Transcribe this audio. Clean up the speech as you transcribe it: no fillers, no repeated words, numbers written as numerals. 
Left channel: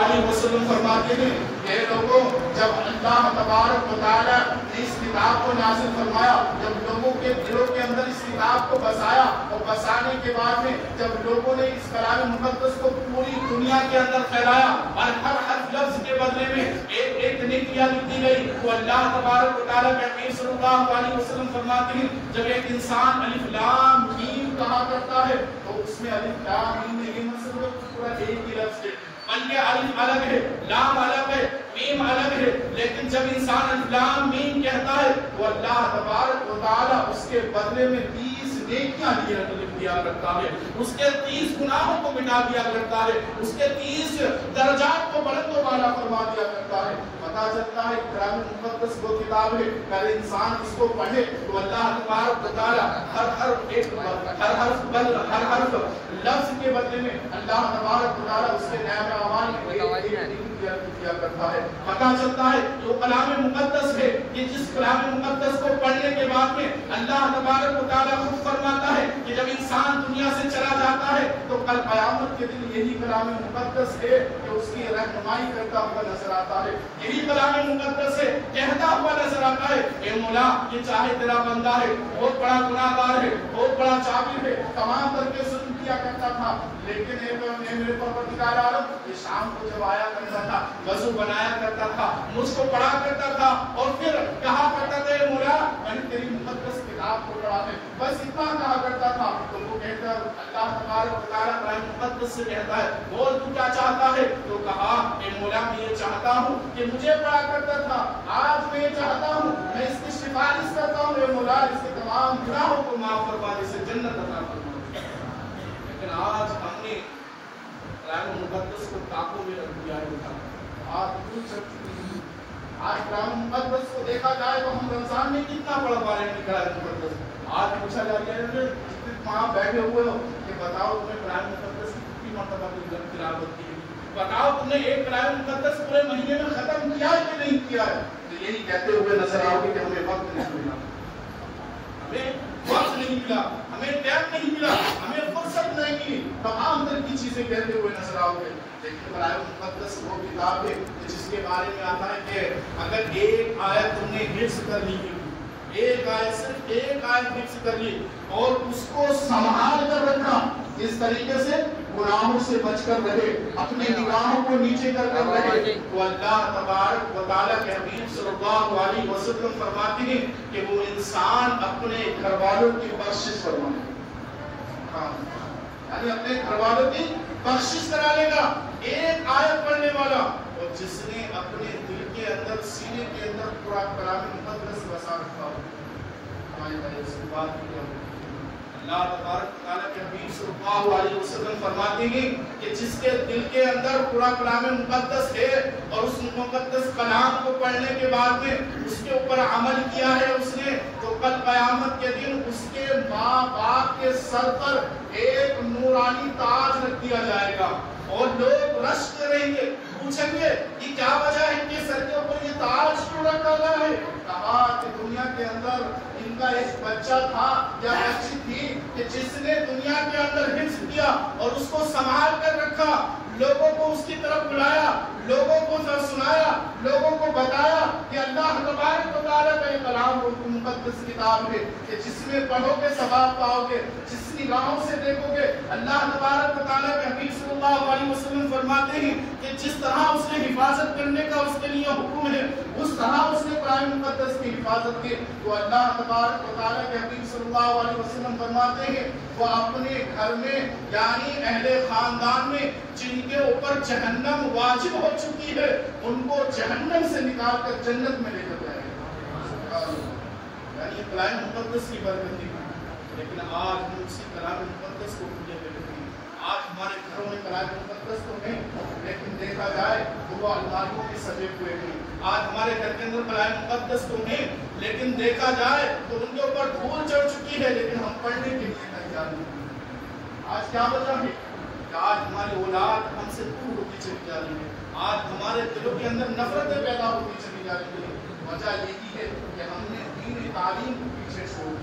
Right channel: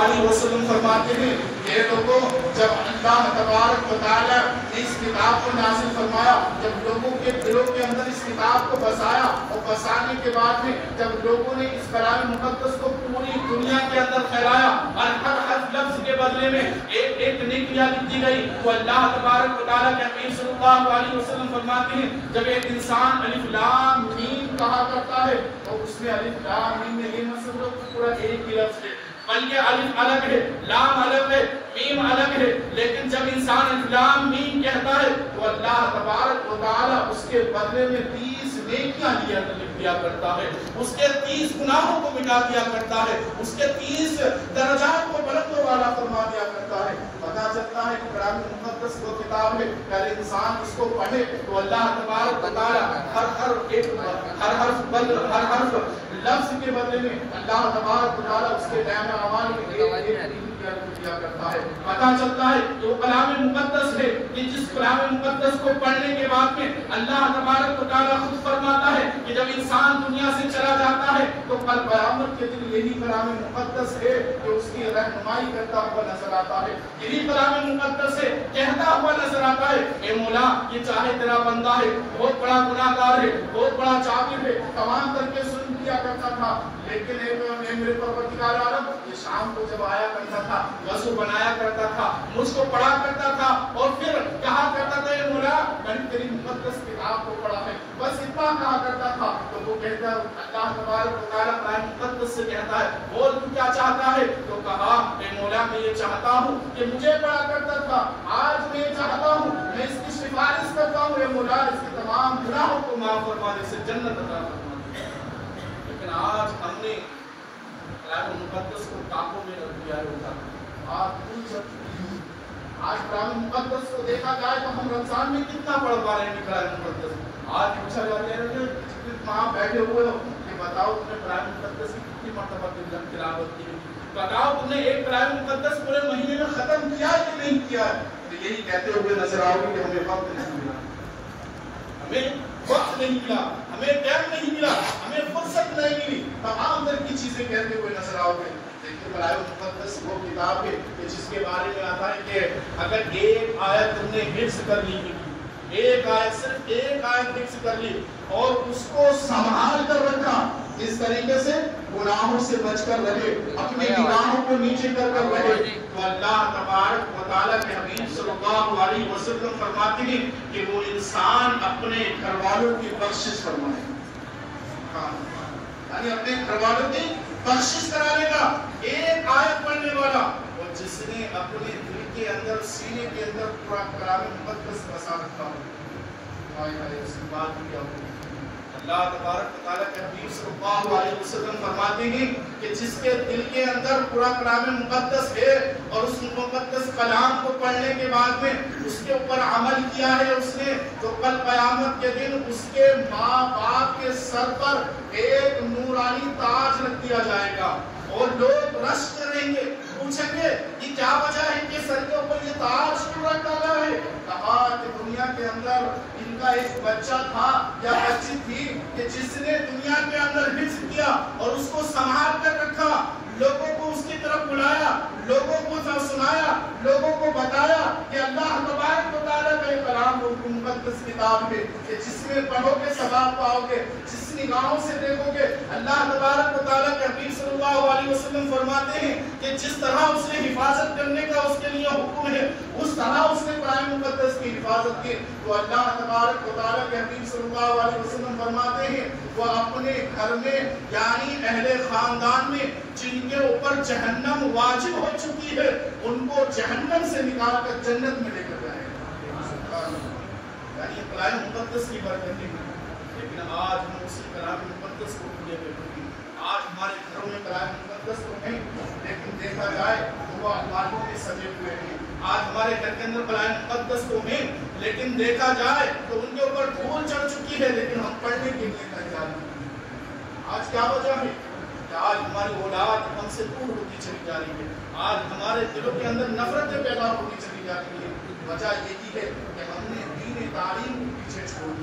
علیہ وسلم فرماتے ہیں کہ لوگوں جب اللہ تبارک و تعالی نے اس کتاب کو نازل فرمایا، جب لوگوں کے دلوں کے اندر اس کتاب کو بسایا اور بسانے کے بعد میں جب لوگوں نے اس کلام مقدس کو پوری دنیا کے اندر پھیلایا اور ہر حرف لفظ کے بدلے میں ایک ایک نیکیاں لکھ دی گئی، تو اللہ تبارک و تعالی کے حبیب صلی اللہ علیہ وسلم فرماتے ہیں جب ایک انسان الف لام میم کہا کرتا ہے تو اس میں الف لام میم میں یہ مطلب پورا ایک ہی لفظ ہے، بلکہ الف الگ ہے، لام الگ ہے، میم الگ ہے، لیکن جب انسان الف لام میم کہتا ہے تو اللہ تبارک و تعالی اس کے بدلے میں 30 نیکیاں دیا کرتا ہے، اس کے 30 گناہوں کو مٹا دیا کرتا ہے، اس کے 30 درجات کو بلند و بالا فرما دیا کرتا ہے۔ پتہ چلتا ہے کلام مقدس وہ کتاب ہے کہ اگر انسان اس کو پڑھے تو اللہ تبارک و تعالی ہر حرف لفظ کے بدلے میں اللہ تبارک و تعالی اس کے نعمت اعمال دیا کرتا ہے۔ پتہ چلتا ہے تو کلام مقدس ہے کہ جس کلام مقدس کو پڑھنے کے بعد میں اللہ تبارک و تعالی خود فرماتا ہے کہ جب انسان دنیا سے چلا جاتا ہے تو کل قیامت کے دن یہی کلام مقدس ہے جو اس کی رہنمائی کرتا ہوا نظر آتا ہے، یہی کلام مقدس سے کہتا ہوا نظر آتا ہے اے مولا یہ چاہے تیرا بندہ ہے، بہت بڑا گناہ گار ہے، بہت بڑا جابر ہے، تمام طرح کے ظلم کیا کرتا تھا، لیکن میرے پروردگار عالم یہ شام کو جب آیا کرتا تھا، وضو بنایا کرتا تھا، مجھ کو پڑھا کرتا تھا اور پھر کہا کرتا تھا اے مولا میں نے تیری مقدس کتاب کو پڑھا ہے، بس اتنا کہا کرتا تھا تو وہ کہتا اللہ تبارک و تعالیٰ قرآن مقدس سے کہتا ہے بول تو کیا چاہتا ہے؟ تو کہا اے مولا میں یہ چاہتا ہوں کہ مجھے پڑھا کرتا تھا، آج میں یہ چاہتا ہوں میں اس کی سفارش کرتا ہوں اے مولا اس کے تمام گناہوں کو معاف فرما دے، سے جنت عطا فرما۔ لیکن آج ہم نے قرآن مقدس کو کاکوں میں رکھ دیا ہے، آج قرآن مقدس کو دیکھا جائے تو ہم رمضان میں کتنا پڑھ پا رہے ہیں قرآن مقدس، آج پوچھا جا رہا ہے وہاں بیٹھے ہوئے ہو کہ بتاؤ تم نے قرآن مقدس کی کتنی مرتبہ تلاوت کی، بتاؤ تم نے ایک قرآن مقدس پورے مہینے میں ختم کیا کہ نہیں کیا ہے؟ تو یہی کہتے ہوئے نظر آؤ گے کہ ہمیں وقت نہیں ملا، ہمیں وقت نہیں ملا، ہمیں ٹائم نہیں ملا، ہمیں فرصت نہیں ملی، تمام طرح کی چیزیں کہتے ہوئے نظر آؤ گے۔ لیکن قرآن مقدس وہ کتاب ہے کہ جس کے بارے میں آتا ہے کہ اگر ایک آیت تم نے حفظ کر لی، ایک آیت صرف ایک آیت حفظ کر لی اور اس کو سنبھال کر رکھا، اس طریقے سے گناہوں سے بچ کر رہے، اپنے نگاہوں کو نیچے کر رہے، تو اللہ تبارک و تعالیٰ کے حبیب صلی اللہ علیہ وسلم فرماتے ہیں کہ وہ انسان اپنے گھر والوں کی بخشش فرمائے، یعنی اپنے گھر والوں کی بخشش کرانے کا ایک آیت پڑھنے والا، اور جس نے اپنے دل کے اندر سینے کے اندر پورا کلام مقدس بسا رکھا ہو، اس کی بات کیا ہو۔ اللہ تبارک و تعالیٰ کے حبیب صلی اللہ علیہ وسلم فرماتے ہیں کہ جس کے دل کے اندر پورا کلام مقدس ہے اور اس مقدس کلام کو پڑھنے کے بعد میں اس کے اوپر عمل کیا ہے اس نے، تو کل قیامت کے دن اس کے ماں باپ کے سر پر ایک نورانی تاج رکھ دیا جائے گا اور لوگ رشتے رہیں گے، پوچھیں گے یہ کیا وجہ ہے ان کے سر کے اوپر یہ تاج کیوں رکھا گیا ہے؟ کہا کہ دنیا کے اندر ان کا ایک بچہ تھا یا بچی تھی کہ جس نے دنیا کے اندر حفظ کیا اور اس کو سنبھال کر رکھا، لوگوں کو اس کی طرف بلایا، لوگوں کو سنایا، لوگوں کو بتایا کہ اللہ تبارک و تعالیٰ کا یہ کلام مقدس کتاب ہے کہ جس میں پڑھو گے ثواب پاؤ گے، جس نگاہوں سے دیکھو گے۔ اللہ تبارک و تعالیٰ کے حبیب صلی اللہ علیہ وسلم فرماتے ہیں کہ جس طرح اس نے حفاظت کرنے کا اس کے لیے حکم ہے اس طرح اس نے قرآن مقدس کی حفاظت کی، تو اللہ تبارک و تعالیٰ کے حبیب صلی اللہ علیہ وسلم فرماتے ہیں وہ اپنے گھر میں یعنی اہل خاندان میں جن کے اوپر جہنم واجب ہو چکی ہے ان کو جہنم سے نکال کر جنت میں لے کر جائیں گے، یعنی قرآن مقدس کی برکت۔ لیکن آج ہم اسی کلام مقدس کو بھولے بیٹھے ہیں، آج ہمارے گھروں میں کلام مقدس تو نہیں، لیکن دیکھا جائے تو وہ الماریوں میں سجے ہوئے ہیں، آج ہمارے گھر کے اندر قرآن مقدس تو نہیں، لیکن دیکھا جائے تو ان کے اوپر دھول چڑھ چکی ہے، لیکن ہم پڑھنے کے لیے تیار نہیں۔ آج کیا وجہ ہے کہ آج ہماری اولاد ہم سے دور ہوتی چلی جا رہی ہے، آج ہمارے دلوں کے اندر نفرتیں